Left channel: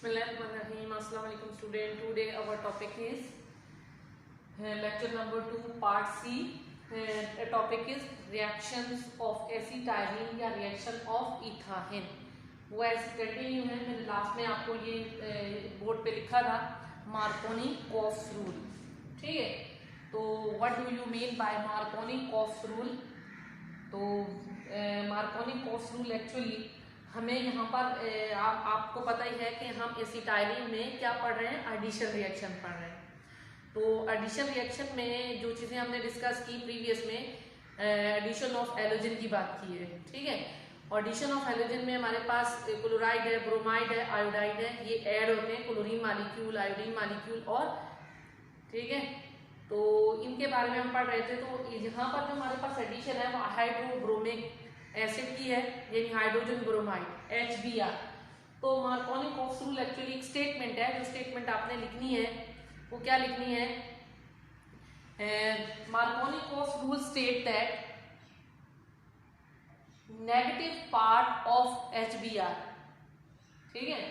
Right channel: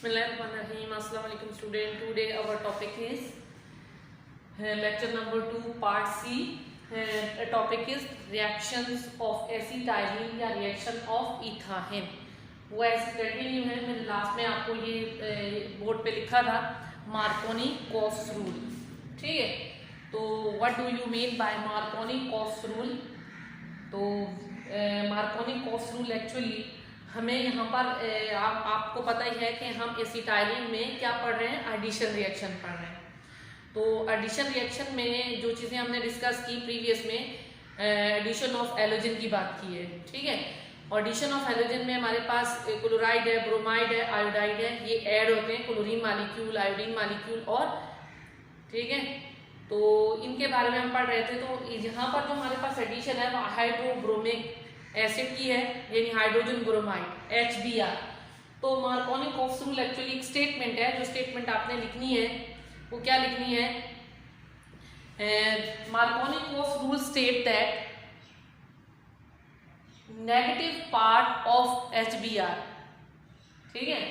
Bismillahirrahmanirrahim. Assalamu alaikum student. Today our topic is lecture number 2 part C. Topic is reactions of acetylene या reaction of ethane. वो ऐसे continue है। मैंने last में आपको ये बोर्ड पे लिखा था मार्कोनी-कॉफ्स रूल। ठीक है, तो what do you mean by Markovnikov-coughs rule? तो मार्कोनी-कॉफ्स रूल एक्चुअली हमें यहाँ पर आपको पता ही है कि हम एसिटाइलिन में क्या पढ़ रहे हैं, एडिशन रिएक्शन पढ़ रहे हैं। तो एडिशन रिएक्शन में जो चीज़ें हमने डिस्कस की प्रीवियस में, एडिशन ऑफ एलोजन की बात की है। ठीक है, एडिशन ऑफ एलोजन में हमारे पास क्लोराइड है, ब्रोमाइड है, आयोडाइड है, ये ऐड होते हैं, क्लोरीन मालिक्यूल, आयोडीन मालिक्यूल और ठीक है, तो इनके बारे में हम पढ़ रहे थे। तो यहाँ पर जो हमारे पास एडिशन है वो हाइड्रोब्रोमिक एसिड की है, यानी हाइड्रोजन ब्रोमाइड HBr। तो मार्कोनी-कॉफ्स रूल एक्चुअली एक स्टेटमेंट है, जो स्टेटमेंट आपने लिखनी है वो क्या लिखनी है? Markovnikov-coughs rule state that negative part of HBr, ठीक है,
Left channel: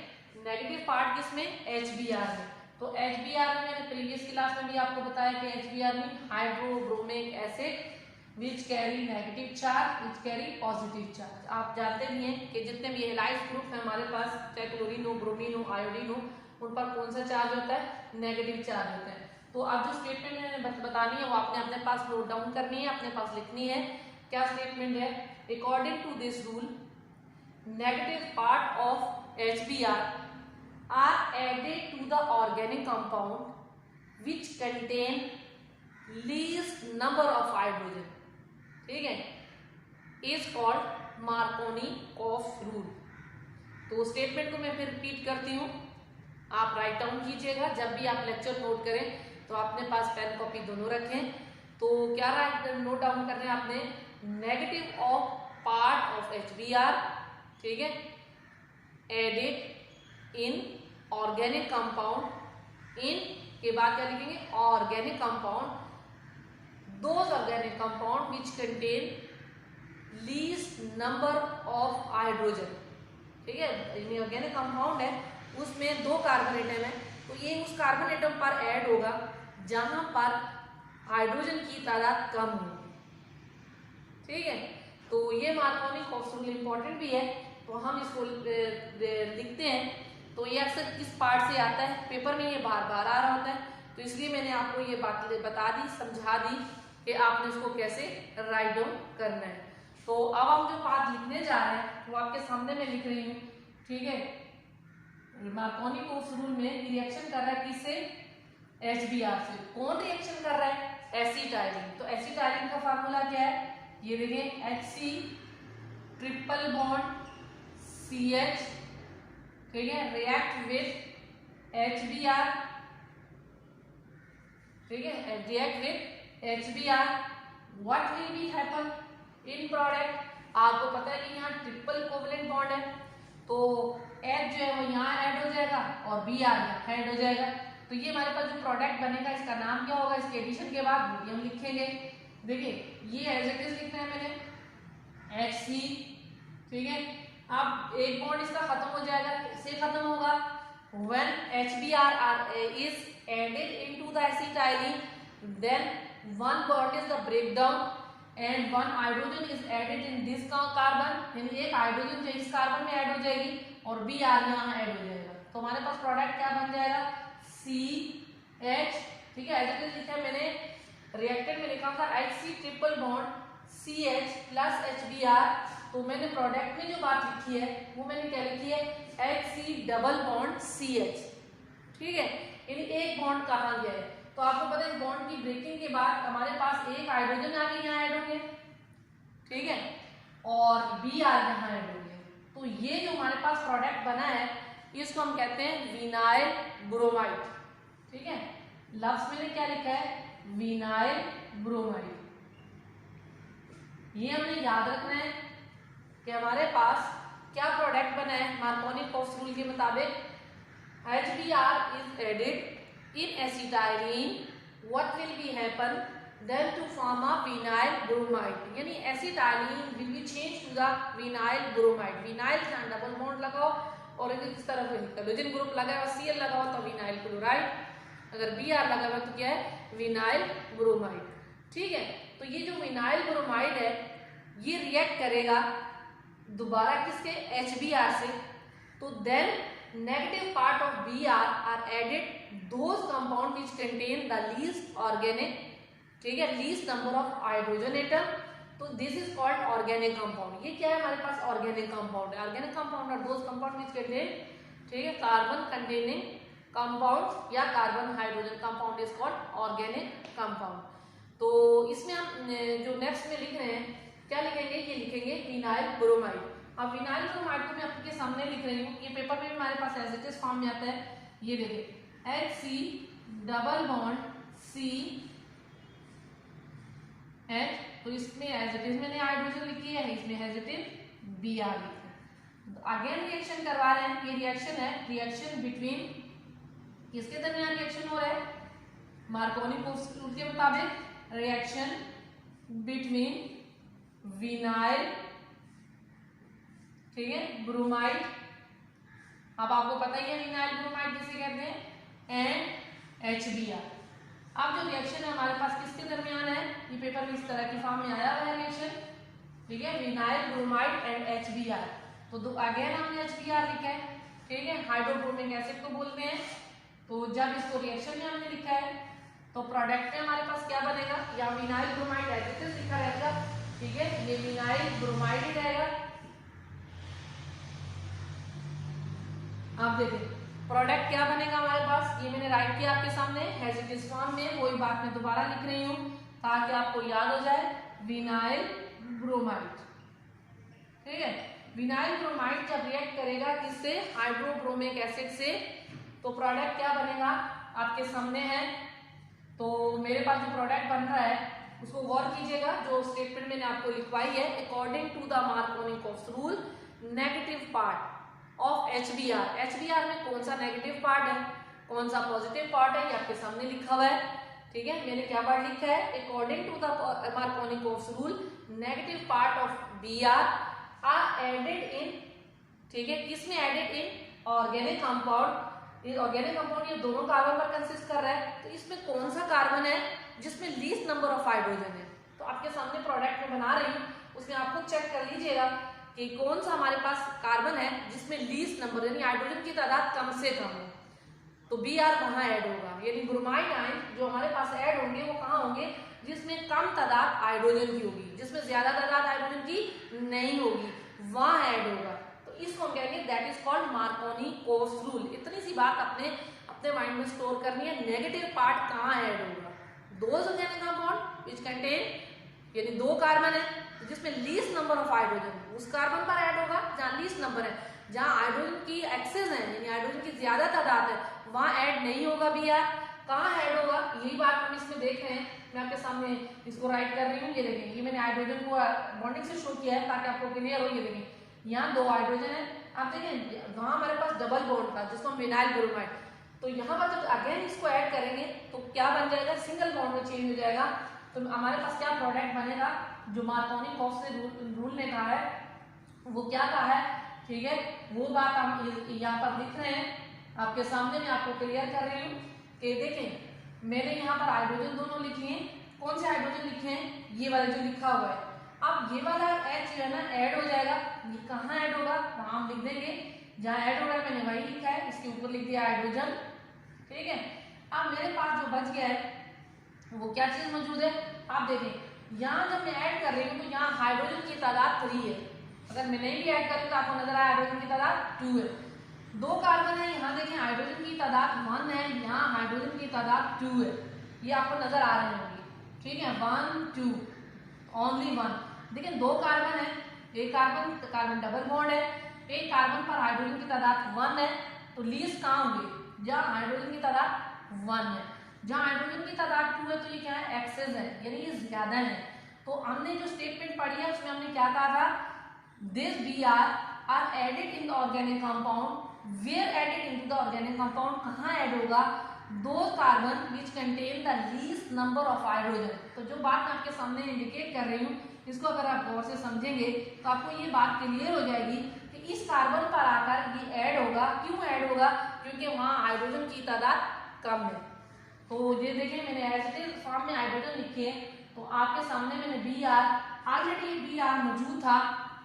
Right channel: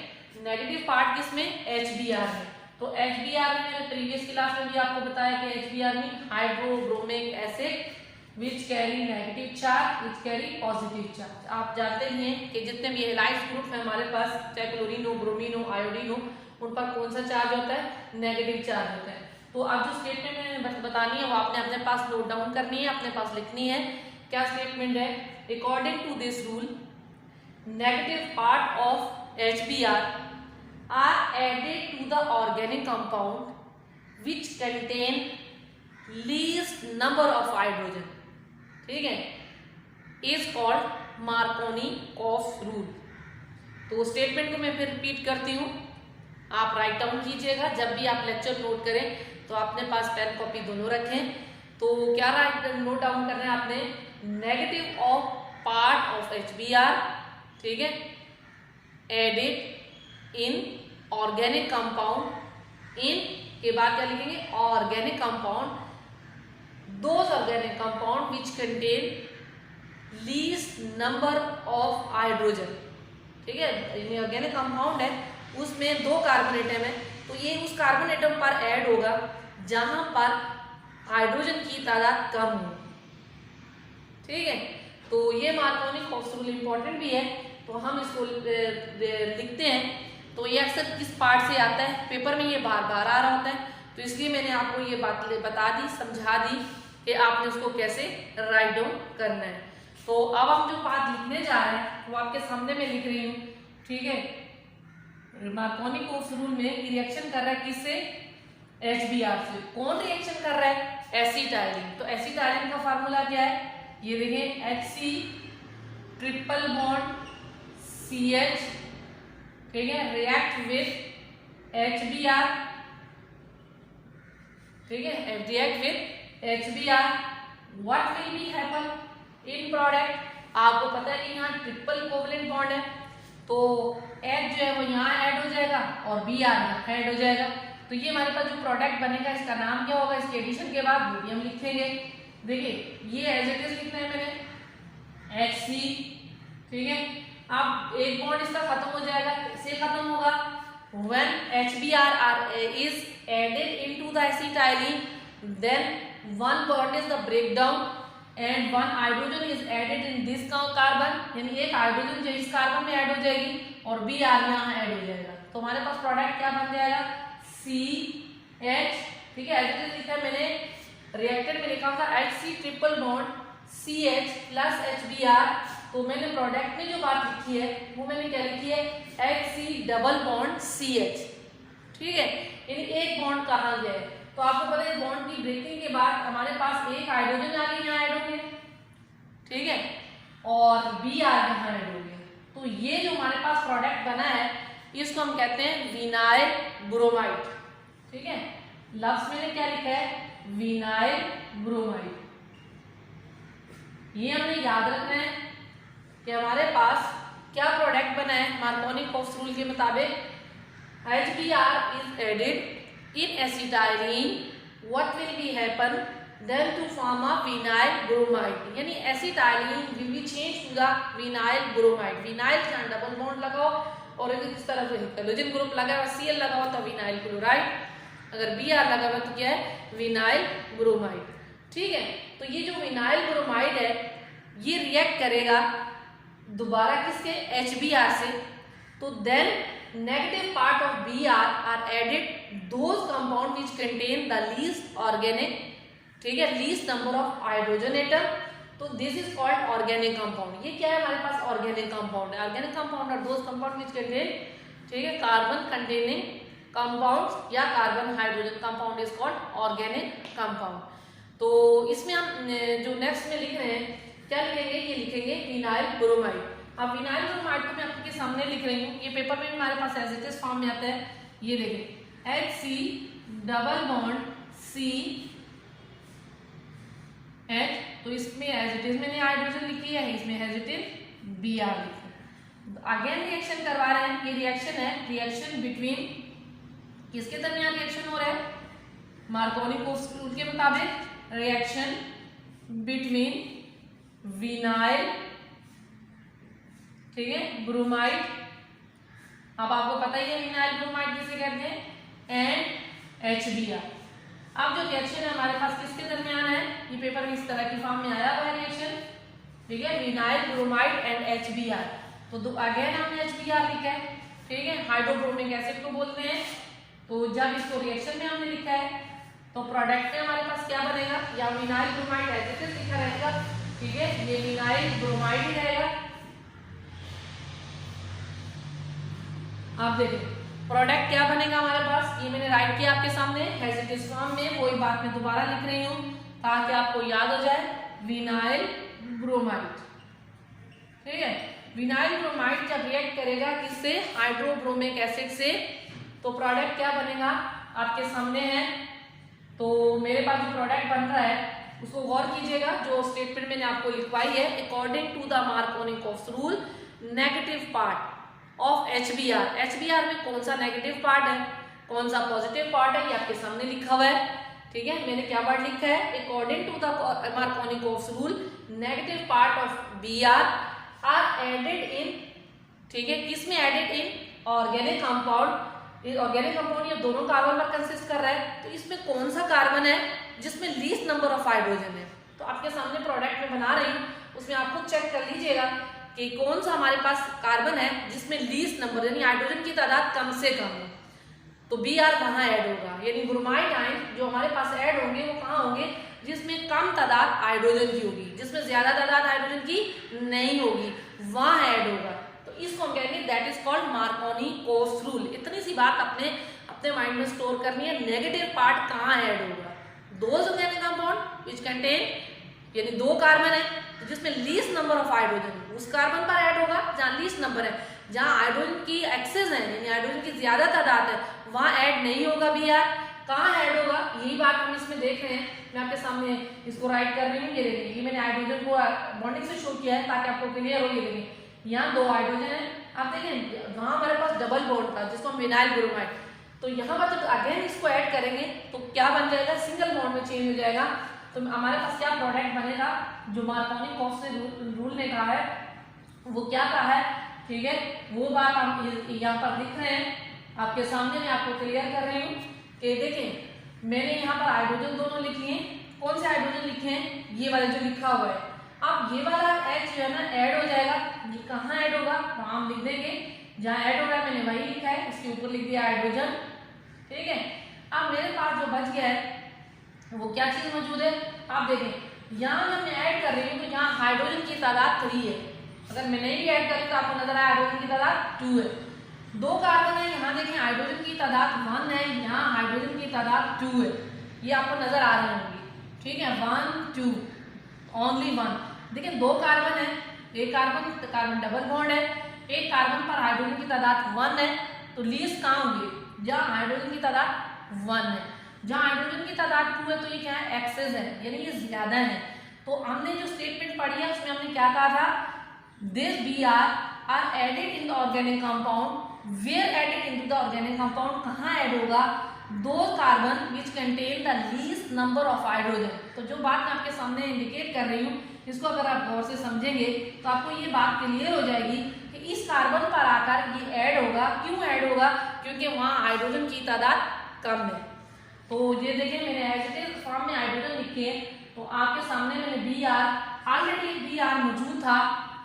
नेगेटिव पार्ट किसमें? HBr है। तो HBr में प्रीवियस क्लास में भी आपको बताया कि HBr में hydrobromic acid which carry negative charge, which carry positive charge. आप जानते ही हैं कि जितने भी हैलाइड्स ग्रुप है हमारे पास, चाहे क्लोरीन हो, ब्रोमीन हो, आयोडीन हो, उन पर कौन सा चार्ज होता है? नेगेटिव चार्ज होता है। तो आप जो स्टेटमेंट मैंने बतानी है वो आपने अपने पास नोट डाउन करनी है, अपने पास लिखनी है। क्या स्टेटमेंट है? According to this rule negative part of HBr are added to the organic compound which contain least number of hydrogen, ठीक है, इज कॉल्ड मार्कोनी-कॉफ्स रूल। तो स्टेटमेंट को मैं फिर रिपीट करती हूँ, आप राइट डाउन कीजिएगा। जब भी आप लेक्चर नोट करें तो अपने पास पेन कॉपी दोनों रखें। तो क्या राइट नोट डाउन करना है आपने? Negative of part of HBr, ठीक है, एडेड इन ऑर्गेनिक कंपाउंड, इन के बाद क्या लिखेंगे? Organic compound, those organic compound which contain least number of hydrogen, ठीक है, ऑर्गेनिक कंपाउंड है उसमें 2 कार्बन एटम है, तो ये उस कार्बन एटम पर ऐड होगा जहां पर हाइड्रोजन की तादाद कम हो। ठीक है, तो ये मार्कोनी-कॉफ्स रूल इंपॉर्टेंट भी है, तो हम इसको लिखते हैं। तो ये अक्सर किस पार्ट से आता है, पेपर में ये बार बार आ रहा होता है, तो इसलिए मैंने आपको ये बात बता दी, समझा दी कि आपने उसको कैसे राइट डाउन करना है। तो अब हम जो बात लिखने जा रहे हैं वो आपके सामने मैं लिख रही हूँ। ठीक है, मार्कोनी-कॉफ्स रूल में रिएक्शन कर रहा है किससे? HBr से। कौन रिएक्शन कर रहा है? एसिटाइलिन। तो एसिटाइलिन का फार्मूला क्या है? ये देखिए, Hc ट्रिपल बॉन्ड CH, ठीक है, रिएक्ट विथ HBr, ठीक है, react with HBr, what will be happen in product? आपको पता है कि यहाँ ट्रिपल कोवलेंट बॉन्ड है, तो H जो है वो यहाँ ऐड हो जाएगा और Br यहाँ ऐड हो जाएगा। तो ये हमारे पास जो प्रोडक्ट बनेगा इसका नाम क्या होगा? इसके एडिशन के बाद वो भी हम लिखेंगे। देखिए, ये एज इट इज लिखना है मैंने HC, ठीक है। अब एक बॉन्ड इसका खत्म हो जाएगा, इससे खत्म होगा when HBr is added into the acetylene, then one bond is the breakdown and one hydrogen is added in this carbon, यानी एक हाइड्रोजन जो इस कार्बन में ऐड हो जाएगी और Br यहाँ ऐड हो जाएगा। तो हमारे पास प्रोडक्ट क्या बन जाएगा? CH, ठीक है, ऐसे लिखा मैंने, रिएक्टेड में लिखा था HC triple bond CH plus HBr। तो मैंने प्रोडक्ट में जो बात लिखी है वो मैंने क्या लिखी है? HC डबल बॉन्ड CH, ठीक है, यानी एक बॉन्ड कहाँ गया है? तो आपको पता है बॉन्ड की ब्रेकिंग के बाद हमारे पास एक हाइड्रोजन आगे यहाँ ऐड हो गया, ठीक है, और Br यहाँ ऐड हो गया। तो ये जो हमारे पास प्रोडक्ट बना है इसको हम कहते हैं विनाइल ब्रोमाइड, ठीक है। लफ्ज मैंने क्या लिखा है? Vinyl bromide. ये हमने याद रखना है कि हमारे पास क्या प्रोडक्ट बना है मार्कोनी-कॉफ्स रूल के मुताबिक। HBr is added in acetylene, what will be happen then to form a vinyl bromide, यानी acetylene will be changed to the vinyl bromide। Vinyl का डबल बॉन्ड लगाओ और इस तरफ से हेलोजन ग्रुप लगा हुआ, Cl लगा हुआ तो विनाइल क्लोराइड, अगर Br लगा हुआ तो क्या है, विनाइल ब्रोमाइड। ठीक है, तो ये जो विनाइल ब्रोमाइड है ये रिएक्ट करेगा दोबारा किससे, HBr से। तो then negative part of Br are added those compound which contain the least organic, ठीक है, least number of hydrogen atom. तो this is called organic compound. ये क्या है हमारे पास, ऑर्गेनिक कंपाउंड है। Organic compound are those compound which contain, ठीक है, कार्बन कंटेनिंग कंपाउंड्स या carbon hydrogen compound is called organic compound. तो इसमें हम जो नेक्स्ट में लिख रहे हैं क्या लिखेंगे, ये लिखेंगे विनाइल ब्रोमाइड। अब विनाइल ब्रोमाइड को मैं आपके सामने लिख रही हूँ, ये पेपर में हमारे पास एज इट इज फॉर्म में आता है। ये देखें HC double bond C H, तो इसमें एज इट इज मैंने हाइड्रोजन लिखी है, इसमें एज इट इज Br लिखी। अगेन रिएक्शन करवा रहे हैं, ये रिएक्शन है, रिएक्शन बिटवीन, किसके दरमियान रिएक्शन हो रहा है, मार्कोनी कोएफिशिएंट के मुताबिक रिएक्शन बिटवीन विनाइल, ठीक है, ब्रोमाइड, अब आपको पता ही है विनाइल ब्रोमाइड किसे कहते हैं, एंड HBr। अब जो रिएक्शन है हमारे पास किसके दरमियान है, ये पेपर में इस तरह की फॉर्म में आया हुआ है रिएक्शन, ठीक है, विनाइल ब्रोमाइड एंड HBr। तो अगेन हमने HBr लिखा है, ठीक है, हाइड्रोब्रोमिक एसिड को बोलते हैं। तो जब इसको रिएक्शन में हमने लिखा है तो प्रोडक्ट में हमारे पास क्या बनेगा, या विनाइल ब्रोमाइड ऐसे लिखा रहेगा, ठीक है, ये विनाइल ब्रोमाइड ही रहेगा। आप देखें प्रोडक्ट क्या बनेगा हमारे पास, ये मैंने राइट किया आपके सामने एज इट इज फॉर्म में, वही बात मैं दोबारा लिख रही हूँ ताकि आपको याद हो जाए, विनाइल ब्रोमाइड। ठीक है, विनाइल ब्रोमाइड जब रिएक्ट करेगा किससे, हाइड्रोब्रोमिक एसिड से, तो प्रोडक्ट क्या बनेगा आपके सामने है। तो मेरे पास जो प्रोडक्ट बन रहा है उसको गौर कीजिएगा, जो स्टेटमेंट मैंने आपको लिखवाई है, according to the Markovnikov's rule negative part of HBr। HBr में कौन सा नेगेटिव पार्ट है, कौन सा पॉजिटिव पार्ट है, ये आपके सामने लिखा हुआ है। ठीक है, मैंने क्या वर्ड लिखा है, according to the Markovnikov's rule negative part of Br are added in, ठीक है, किसमें added in organic compound. Organic compound ये दोनों कार्बन पर कंसिस्ट कर रहा है, तो इसमें कौन सा कार्बन है जिसमें लीस्ट नंबर ऑफ हाइड्रोजन है। तो आपके सामने प्रोडक्ट में बना रही हूँ, उसमें आप खुद चेक कर लीजिएगा कि कौन सा हमारे पास कार्बन है जिसमें लीस्ट नंबर यानी हाइड्रोजन की तादाद कम से कम है। तो Br कहाँ ऐड होगा, यानी ब्रोमाइड आयन जो हमारे पास ऐड होंगे वो कहाँ होंगे, जिसमें कम तादाद हाइड्रोजन की होगी, जिसमें ज्यादा तादाद हाइड्रोजन की नहीं होगी, वहां ऐड होगा। तो इसको हम कहेंगे that is called Markovnikov-cops rule. इतनी सी बात अपने माइंड में स्टोर करनी है, नेगेटिव पार्ट कहाँ ऐड होगा, those organic compound which contain, यानी दो कार्बन है जिसमें लीस्ट नंबर ऑफ हाइड्रोजन उस कार्बन पर ऐड होगा जहां लीस्ट नंबर है, जहां हाइड्रोजन की एक्सेस है यानी हाइड्रोजन की ज्यादा तादाद है वहां ऐड नहीं होगा Br। कहाँ ऐड होगा, यही बात हम इसमें देख रहे हैं। मैं आपके सामने इसको राइट कर रही हूँ, ये देखिए, ये मैंने हाइड्रोजन को बॉन्डिंग से शो किया है ताकि आपको क्लियर हो। ये देखिए यहाँ दो हाइड्रोजन है, आप देखिए वहां हमारे पास डबल बॉन्ड था जिसको हम विनाइल ब्रोमाइड, तो यहाँ पर जब अगेन इसको ऐड करेंगे तो क्या बन जाएगा, सिंगल बॉन्ड में चेंज हो जाएगा। तो हमारे पास क्या प्रोडक्ट बनेगा, जो मार्कोनी-कोप्स रूल ने कहा है वो क्या कहा है, ठीक है, वो बात हम यहाँ पर लिख रहे हैं आपके सामने, मैं आपको क्लियर कर रही हूँ कि देखिए मैंने यहाँ पर हाइड्रोजन दोनों लिखे हैं, कौन से हाइड्रोजन लिखे हैं, ये वाला जो लिखा हुआ है। अब ये वाला H जो है ना ऐड हो जाएगा, ये कहाँ ऐड होगा, वहां हम लिख देंगे जहाँ ऐड हो रहा है, मैंने वही लिखा है, इसके ऊपर लिख दिया हाइड्रोजन। ठीक है, अब मेरे पास जो बच गया है वो क्या चीज मौजूद है, आप देखें यहाँ जब मैं ऐड कर रही हूँ तो यहाँ हाइड्रोजन की तादाद 3 है, अगर मैं नहीं भी ऐड करी तो आपको नजर आया हाइड्रोजन की तादाद 2 है। दो कार्बन है, यहाँ देखिए हाइड्रोजन की तादाद 1 है, यहाँ हाइड्रोजन की तादाद 2 है, ये आपको नजर आ रहे होंगे। ठीक है, 1 2 ओनली 1। देखिए दो कार्बन है, एक कार्बन डबल बॉन्ड है, एक कार्बन पर हाइड्रोजन की तादाद 1 है, तो लीस्ट कहाँ होंगे, जहाँ हाइड्रोजन की तादाद 1 है, जहाँ हाइड्रोजन की तादाद 2 है तो ये क्या है, एक्सेस है, यानी ये ज्यादा है। तो हमने जो स्टेटमेंट पढ़ी है उसमें हमने क्या कहा था, this Br are added in the organic compound, where added into the organic compound, कहाँ ऐड होगा, दो carbon which contain the least number of hydrogen. तो जो बात मैं आपके सामने इंडिकेट कर रही हूँ, इसको अगर आप गौर से समझेंगे तो आपको ये बात क्लियर हो जाएगी कि इस कार्बन पर आकर ये ऐड होगा क्यों ऐड होगा? क्योंकि वहाँ हाइड्रोजन की तादाद कम है। तो ये देखिए मैंने एसिड फॉर्म में हाइड्रोजन लिखी है, तो आपके सामने मैंने Br, ऑलरेडी Br मौजूद था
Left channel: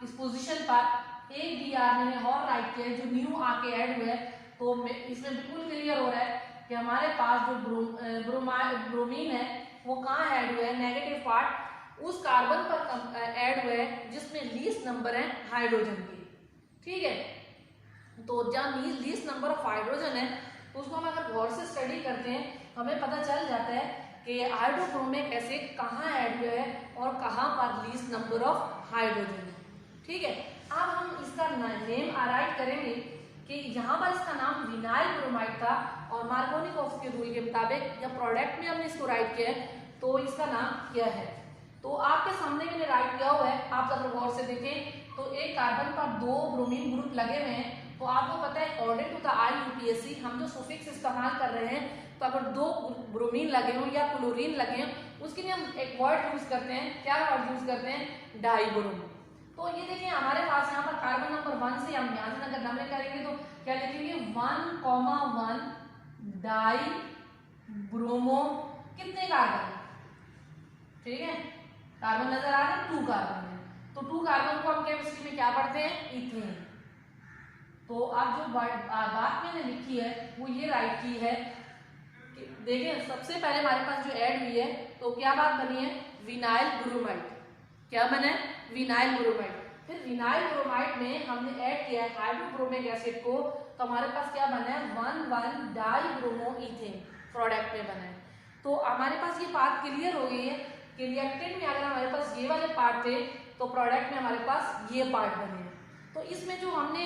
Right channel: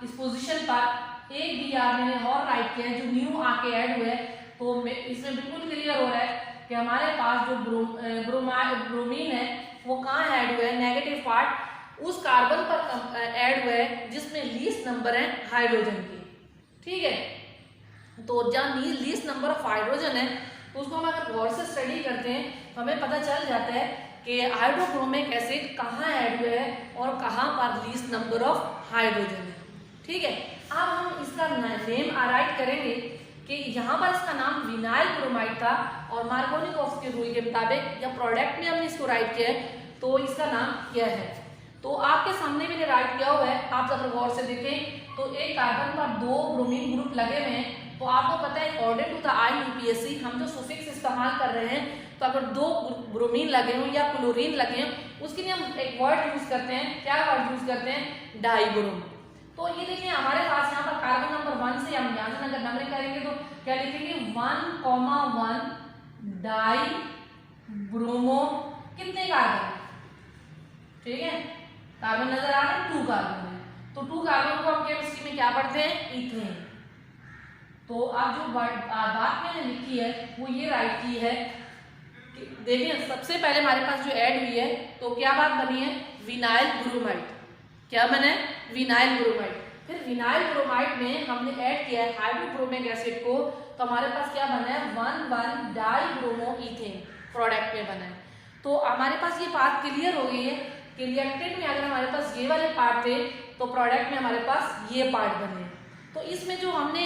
इस पोजीशन पर, एक Br मैंने और राइट किया है जो न्यू आके ऐड हुआ है। तो इसमें बिल्कुल क्लियर हो रहा है कि हमारे पास जो ब्रोमीन है वो कहाँ ऐड हुआ है, नेगेटिव पार्ट उस कार्बन पर ऐड हुआ है जिसमें लीस्ट नंबर है हाइड्रोजन की। ठीक है, तो जहाँ लीस्ट नंबर ऑफ हाइड्रोजन है तो उसको हम अगर गौर से स्टडी करते हैं तो हमें पता चल जाता है कि हाइड्रोक्रोमिक एसिड कहाँ ऐड हुआ है और कहाँ पर लीस्ट नंबर ऑफ हाइड्रोजन है। ठीक है, अब हम इसका नेम राइट करेंगे कि यहाँ पर इसका नाम विनाइल ब्रोमाइड था और मार्कोनिकॉफ के रूल के मुताबिक या प्रोडक्ट में हमने इसको राइट किया है तो इसका नाम क्या है। तो आपके सामने मैंने राइट किया हुआ है, आप अगर गौर से देखें तो एक कार्बन पर 2 ब्रोमीन ग्रुप लगे हुए हैं। तो आपको पता है अकॉर्डिंग टू द IUPAC हम जो सुफिक्स इस्तेमाल कर रहे हैं, तो अगर 2 ब्रोमीन लगे हों या क्लोरीन लगे हों उसके लिए हम एक वर्ड यूज करते हैं। क्या वर्ड यूज करते हैं? डाइब्रोम। तो ये देखिए हमारे पास यहाँ पर कार्बन नंबर 1 से हम यहाँ से अगर नंबरिंग करेंगे तो क्या लिखेंगे 1,1 डाई ब्रोमो, कितने कार्बन? ठीक है, कार्बन नजर आ रहे हैं, 2 कार्बन है। तो 2 कार्बन को हम केमिस्ट्री में क्या पढ़ते हैं? इथेन। तो अब जो बात मैंने लिखी है वो ये राइट की है, देखिए सबसे पहले हमारे पास जो ऐड हुई है तो क्या बात बनी है? Vinyl bromide. क्या बना है? Vinyl bromide. फिर विनाइल ब्रोमाइड में हमने ऐड किया है हाइड्रोक्रोमिक एसिड को, तो हमारे पास क्या बना है? 1,1 डाइब्रोमो इथेन प्रोडक्ट में बना है। तो हमारे पास ये बात क्लियर हो गई है कि रिएक्टेंट में अगर हमारे पास ये वाले पार्ट थे तो प्रोडक्ट में हमारे पास ये पार्ट बने हैं। तो इसमें जो हमने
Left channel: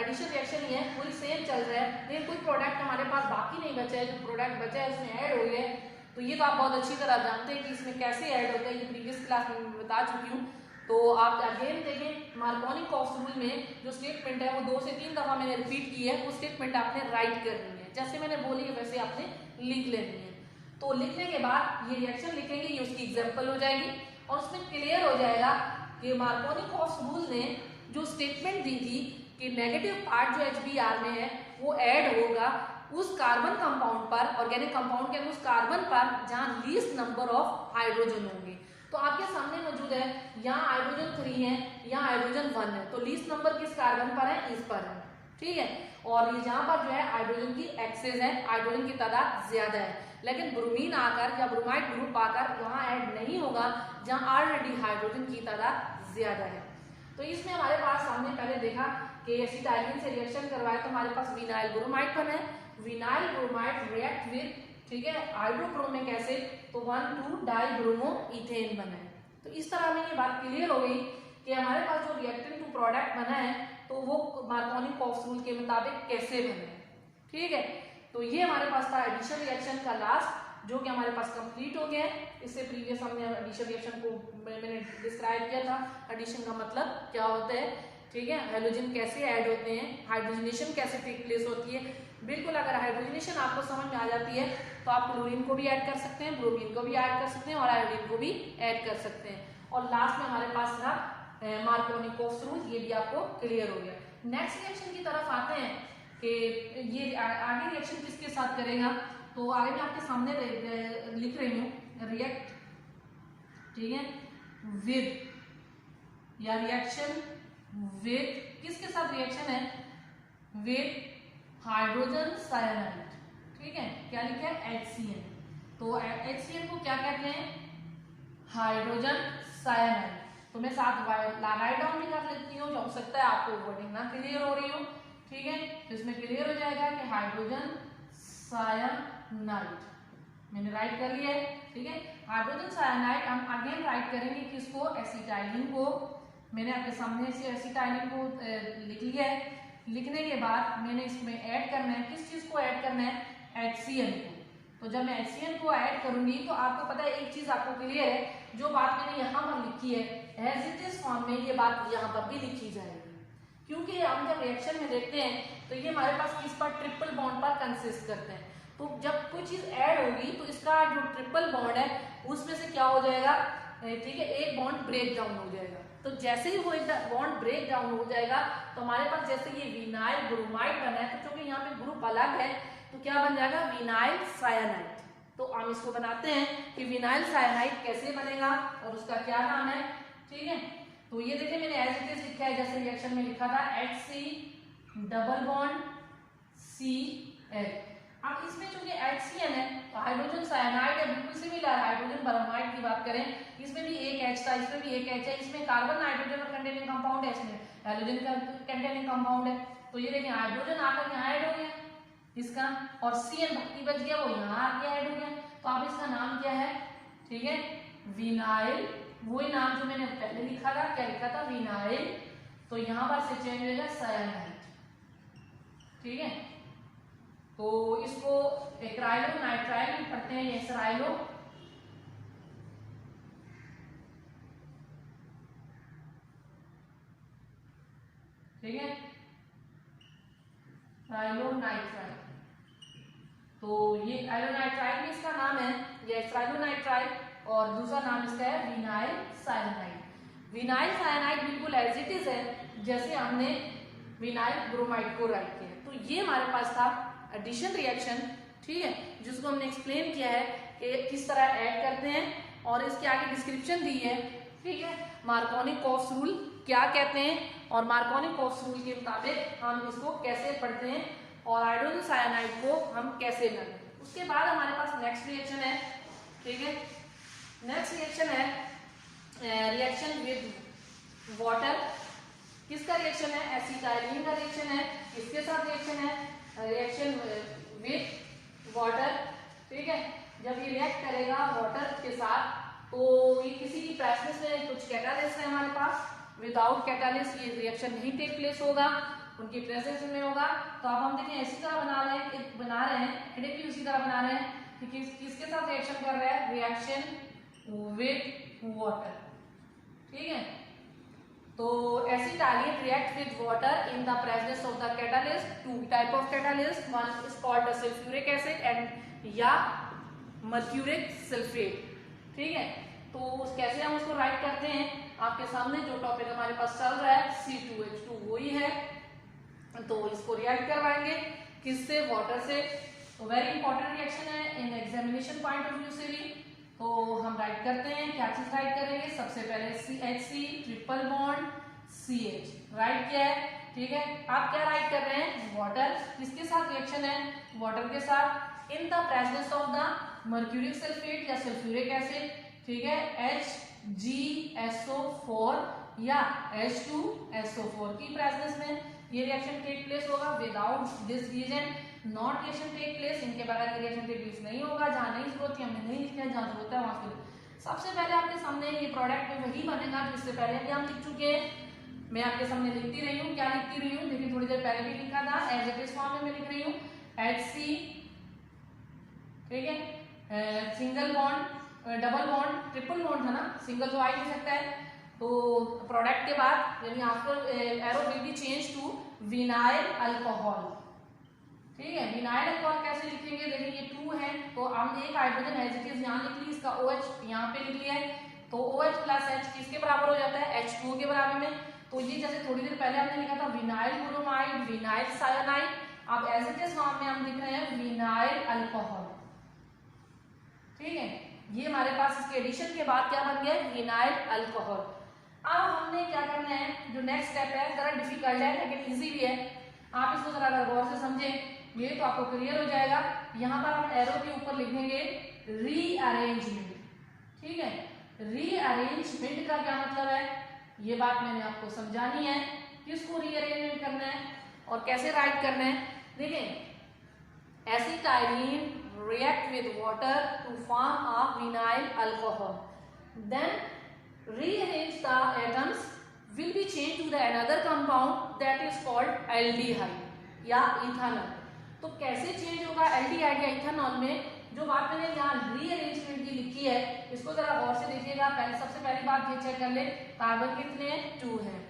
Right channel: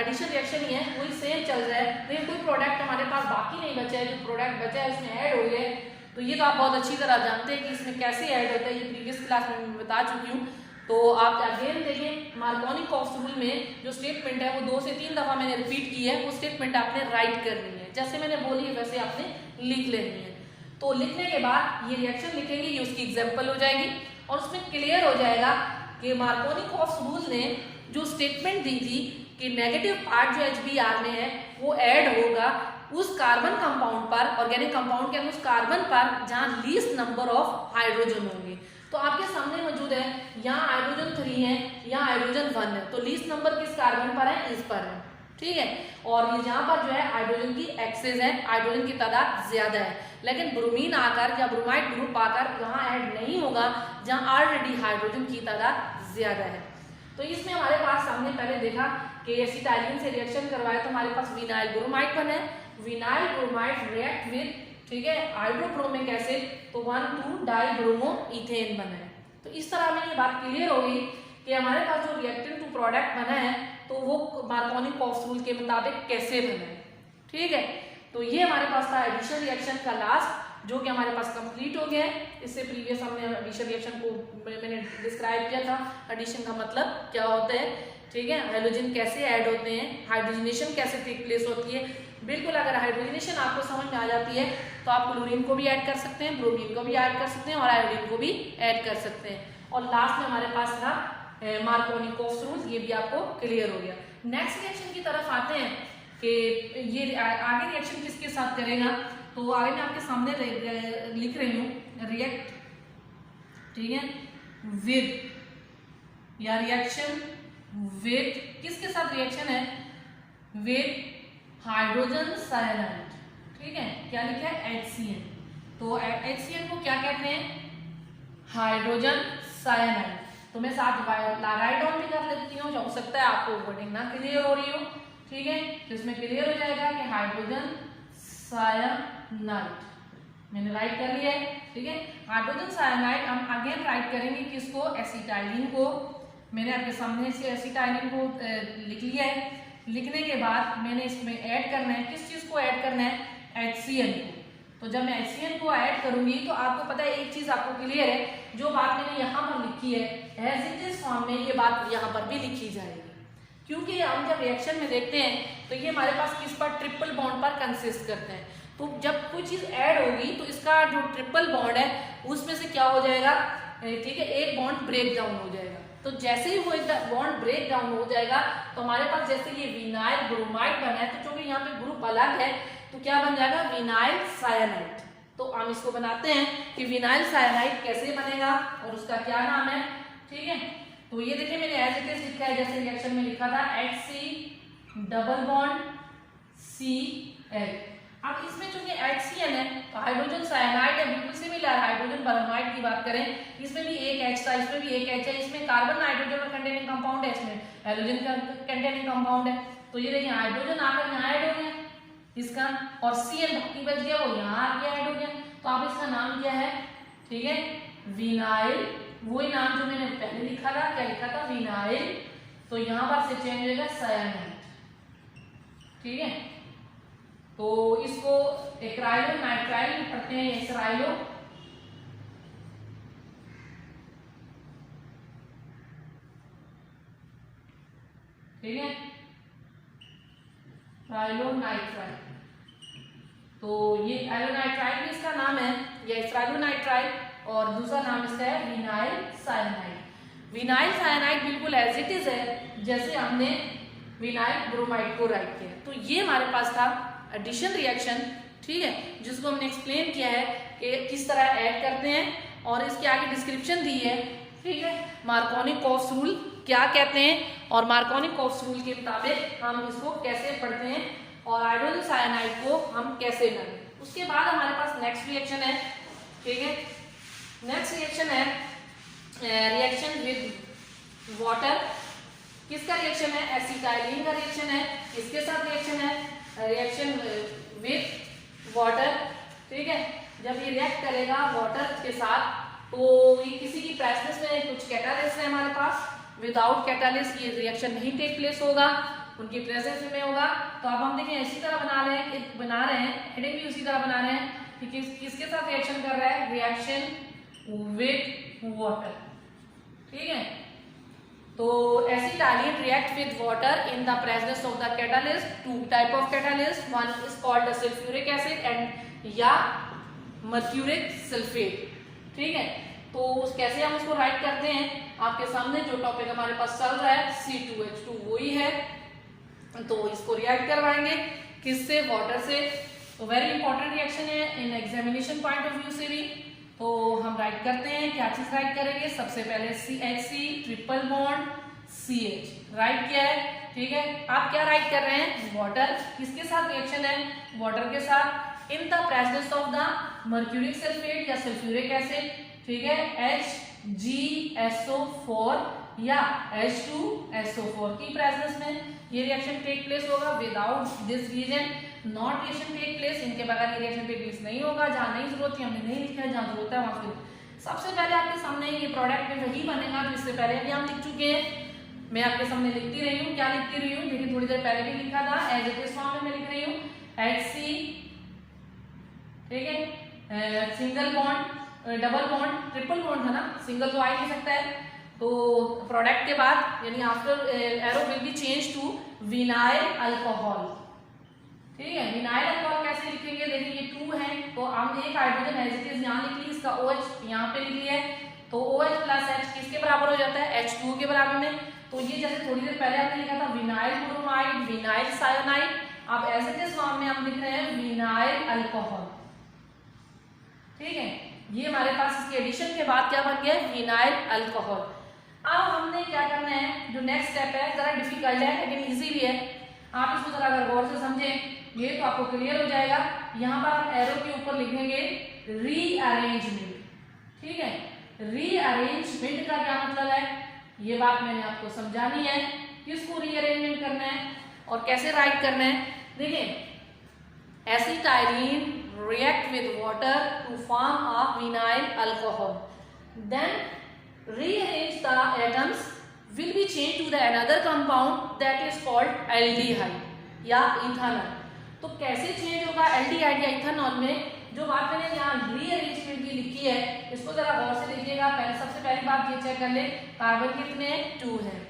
एडिशन रिएक्शन ही है वही सेम चल रहा है, लेकिन कोई प्रोडक्ट हमारे पास बाकी नहीं बचा है। जो प्रोडक्ट बचा है उसमें ऐड हो गया है। तो ये तो आप बहुत अच्छी तरह जानते हैं कि इसमें कैसे ऐड होता है, ये प्रीवियस क्लास में मैं बता चुकी हूँ। तो आप अगेन देखें मार्कोनिकॉफ रूल में जो स्टेटमेंट है वो 2 से 3 दफा मैंने रिपीट की है, वो स्टेटमेंट आपने राइट करनी है, जैसे मैंने बोली है वैसे आपने लिख लेनी है। तो लिखने के बाद ये रिएक्शन लिखेंगे, ये उसकी एग्जाम्पल हो जाएगी और उसमें क्लियर हो जाएगा कि मार्कोनिकॉफ रूल ने जो स्टेटमेंट दी थी कि नेगेटिव पार्ट जो HBr में है वो ऐड होगा उस कार्बन कंपाउंड पर, ऑर्गेनिक कंपाउंड के अंदर उस कार्बन पर जहां लीस्ट नंबर ऑफ हाइड्रोजन होंगे। तो आपके सामने मौजूद है, यहाँ हाइड्रोजन 3 है, यहाँ हाइड्रोजन 1 है, तो लीस्ट नंबर किस कार्बन पर है? इस पर है। ठीक है, और ये जहाँ पर जो है हाइड्रोजन की एक्सेस है, हाइड्रोजन की तादाद ज्यादा है, लेकिन ब्रोमीन आकर या ब्रोमाइड ग्रुप आकर वहाँ ऐड नहीं होगा जहाँ ऑलरेडी हाइड्रोजन की तादाद ज्यादा है। तो इसमें हमारे पास सामने पहले देखा कि एसिटाइलिन से रिएक्शन करवाया तो हमारे पास विनाइल ब्रोमाइड बना है। विनाइल ब्रोमाइड रिएक्ट विद, ठीक है, हाइड्रोक्रोमिक एसिड, तो 1,2 डाइब्रोमो इथेन बना है। तो इस तरह में ये बात क्लियर हो गई कि हमारे पास जो रिएक्टेंट टू प्रोडक्ट बना है तो वो मार्कोनिकॉफ रूल के मुताबिक कैसे बना है। ठीक है, तो ये हमारे पास था एडिशन रिएक्शन का लास्ट, जो कि हमारे पास कंप्लीट हो गया है। इससे प्रीवियस हमने एडिशन रिएक्शन को मैंने डिस्क्राइब किया था, एडिशन का मतलब क्या होता है। ठीक है, हाइड्रोजन कैसे ऐड होते हैं, हाइड्रोजनेशन कैसे टेक प्लेस होती है। बिल्कुल, अगर हाइड्रोजनेशन आपको समझ में आ जाती है तो आप क्लोरीन को भी ऐड कर सकते हैं, ब्रोमीन को भी ऐड कर सकते हैं और आयोडीन को भी ऐड कर सकते हैं। और लास्ट में हमारे पास था मार्कोनिकॉफ रूल, ये भी आपको क्लियर हो गया। नेक्स्ट रिएक्शन की तरफ आते हैं कि ये आगे रिएक्शन किसके साथ करेगा। तो आगे मैं आपके सामने लिख रही हूँ रिएक्ट, ठीक है, विद या रिएक्शन विद, किसके साथ रिएक्शन है? With hydrogen cyanide. ठीक है, क्या लिखा है? HCN। तो HCN को क्या कहते हैं? Hydrogen cyanide. तो मैं साथ राइट डाउन भी कर लेती हूँ, हो सकता है आपको वर्डिंग ना क्लियर हो रही हो। ठीक है, तो इसमें क्लियर हो जाएगा कि हाइड्रोजन साइनाइड मैंने राइट कर लिया है। ठीक है, हाइड्रोजन साइनाइड हम अगेन राइट करेंगे किसको? एसिटाइलिन को। मैंने आपके सामने से एसिटाइलिन को लिख लिया है। लिखने के बाद मैंने इसमें ऐड करना है, किस चीज को ऐड करना है? HCN को। तो जब मैं HCN को ऐड करूंगी तो आपको पता है एक चीज आपको क्लियर है, जो बात मैंने यहाँ पर लिखी है एज इट इज फॉर्म में ये बात यहाँ पर भी लिखी जाएगी, क्योंकि हम जब रिएक्शन में देखते हैं तो ये हमारे पास किस पर? ट्रिपल बॉन्ड पर कंसिस्ट करते हैं। तो जब कोई चीज ऐड होगी तो इसका जो ट्रिपल बॉन्ड है उसमें से क्या हो जाएगा? ठीक है, एक बॉन्ड ब्रेक डाउन हो जाएगा। तो जैसे ही वो बॉन्ड ब्रेक डाउन हो जाएगा तो हमारे पास जैसे ये विनाइल ब्रोमाइड बना है, तो चूंकि यहाँ पे ग्रुप अलग है तो क्या बन जाएगा, विनाइल साइनाइड। तो हम इसको बनाते हैं कि विनाइल साइनाइड कैसे बनेगा और उसका क्या नाम है। ठीक है, तो ये देखिए मैंने एज इट इज लिखा है, जैसे रिएक्शन में लिखा था HC डबल बॉन्ड Cl। अब इसमें चूंकि HCl है तो हाइड्रोजन साइनाइड या बिल्कुल सिमिलर हाइड्रोजन ब्रोमाइड की बात करें, इसमें भी एक H था, इसमें भी एक H है, इसमें कार्बन नाइट्रोजन कंटेनिंग कंपाउंड है, इसमें हाइड्रोजन कंटेनिंग कंपाउंड है। तो ये देखिए हाइड्रोजन आकर यहाँ ऐड हो गया इसका, और Cl बाकी बच गया वो यहाँ आके ऐड हो गया। तो आप इसका नाम क्या है, ठीक है, विनाइल, वही नाम जो मैंने पहले लिखा था, क्या लिखा था, विनाइल। तो यहाँ पर से चेंज हो जाएगा साइनाइड। ठीक है, तो इसको एक्राइलो नाइट्राइल भी पढ़ते हैं, एक्राइलो ठीक है, ट्राइलोनाइट्राइल। तो ये एलोनाइट्राइल भी इसका नाम है, ये ट्राइलोनाइट्राइल, और दूसरा नाम इसका है विनाइल साइनाइड। विनाइल साइनाइड बिल्कुल एज इट इज है जैसे हमने विनाइल ब्रोमाइड को राइट किया। तो ये हमारे पास था एडिशन रिएक्शन, ठीक है, जिसको हमने एक्सप्लेन किया है कि किस तरह ऐड करते हैं, और इसके आगे डिस्क्रिप्शन दी है। ठीक है, मार्कोनी-कॉक्स रूल क्या कहते हैं और मार्कोनी-कॉक्स रूल के मुताबिक हम इसको कैसे पढ़ते हैं और हाइड्रोजन साइनाइड को हम कैसे डालें। उसके बाद हमारे पास नेक्स्ट रिएक्शन है। ठीक है, नेक्स्ट रिएक्शन है रिएक्शन विद वाटर। किसका रिएक्शन है, एसिटाइलिन का रिएक्शन है। इसके साथ रिएक्शन है रिएक्शन विद वाटर। ठीक है, जब ये रिएक्ट करेगा वाटर के साथ तो ये किसी की प्रेजेंस में कुछ कैटालिस्ट है हमारे पास, विदाउट कैटालिस्ट ये रिएक्शन नहीं टेक प्लेस होगा, उनकी प्रेजेंस में होगा। तो अब हम देखें इसी तरह बना रहे हैं हेडिंग भी उसी तरह बना रहे हैं कि किसके साथ रिएक्शन कर रहा है, रिएक्शन विद वाटर। ठीक है, तो acetylene react with water in the presence of the catalyst. Two type of catalyst, one is called the sulphuric acid and या मर्क्यूरिक सल्फेट। ठीक है, तो कैसे हम इसको राइट करते हैं, आपके सामने जो टॉपिक हमारे पास चल रहा है C2H2 वही है, तो इसको रिएक्ट करवाएंगे किससे, वाटर से। तो वेरी इंपॉर्टेंट रिएक्शन है in examination point of view से भी। तो हम राइट करते हैं, क्या चीज राइट करेंगे, सबसे पहले CH3 triple bond CH right किया है। ठीक है, आप क्या राइट कर रहे हैं, वाटर। किसके साथ रिएक्शन है, वाटर के साथ, in the presence of the mercuric sulphate या सल्फ्यूरिक एसिड। ठीक है, HgSO4 या H2SO4 की प्रेजेंस में ये रिएक्शन टेक प्लेस होगा। Without this reason not reaction take place, इनके बगैर ये रिएक्शन टेक प्लेस नहीं होगा। जहां नहीं जरूरत है हमने नहीं लिखा है, जहां जरूरत है वहां पे सबसे पहले आपके सामने ये प्रोडक्ट में वही बनेगा जो इससे पहले भी हम लिख चुके हैं। मैं आपके सामने लिखती रही हूँ, क्या लिखती रही हूँ, लेकिन थोड़ी देर पहले भी लिखा था, एज इट इज फॉर्म में मैं लिख रही हूँ HC। ठीक है, single bond, double bond, triple bond है ना, सिंगल तो आ ही नहीं सकता है। तो प्रोडक्ट के बाद यानी after arrow will be change to vinyl alcohol. ठीक है, विनाइल अल्कोहल कैसे लिखेंगे, देखिए ये 2 है तो हम एक हाइड्रोजन एज इट इज यहाँ लिख ली, इसका OH यहाँ पे लिख लिया है। तो OH प्लस H किसके बराबर हो जाता है, H2 के बराबर में। तो ये जैसे थोड़ी देर पहले आपने लिखा था विनाइल ब्रोमाइड, विनाइल साइनाइड, अब एज इट इज फॉर्म में हम लिख रहे हैं विनाइल अल्कोहल। ठीक है, ये हमारे पास इसके एडिशन के बाद क्या बन गया, विनाइल अल्कोहल। अब हमने क्या करना है, जो नेक्स्ट स्टेप है जरा डिफिकल्ट है लेकिन इजी भी है, आप इसको जरा अगर गौर से समझें ये तो आपको क्लियर हो जाएगा। यहाँ पर हम एरो के ऊपर लिखेंगे रीअरेंजमेंट। ठीक है, रीअरेंजमेंट का क्या मतलब है, ये बात मैंने आपको समझानी है, किसको रीअरेंजमेंट करना है और कैसे राइट करना है। देखिए acetylene react with water to form a vinyl alcohol, then rearrange the atoms will be changed to the another compound that is called aldehyde या ethanol। तो कैसे चेंज होगा एल्डिहाइड या इथेनॉल में, जो बात मैंने यहाँ रीअरेंजमेंट की लिखी है इसको जरा गौर से देखिएगा। पहले सबसे पहली बात ये चेक कर ले, कार्बन कितने 2 हैं,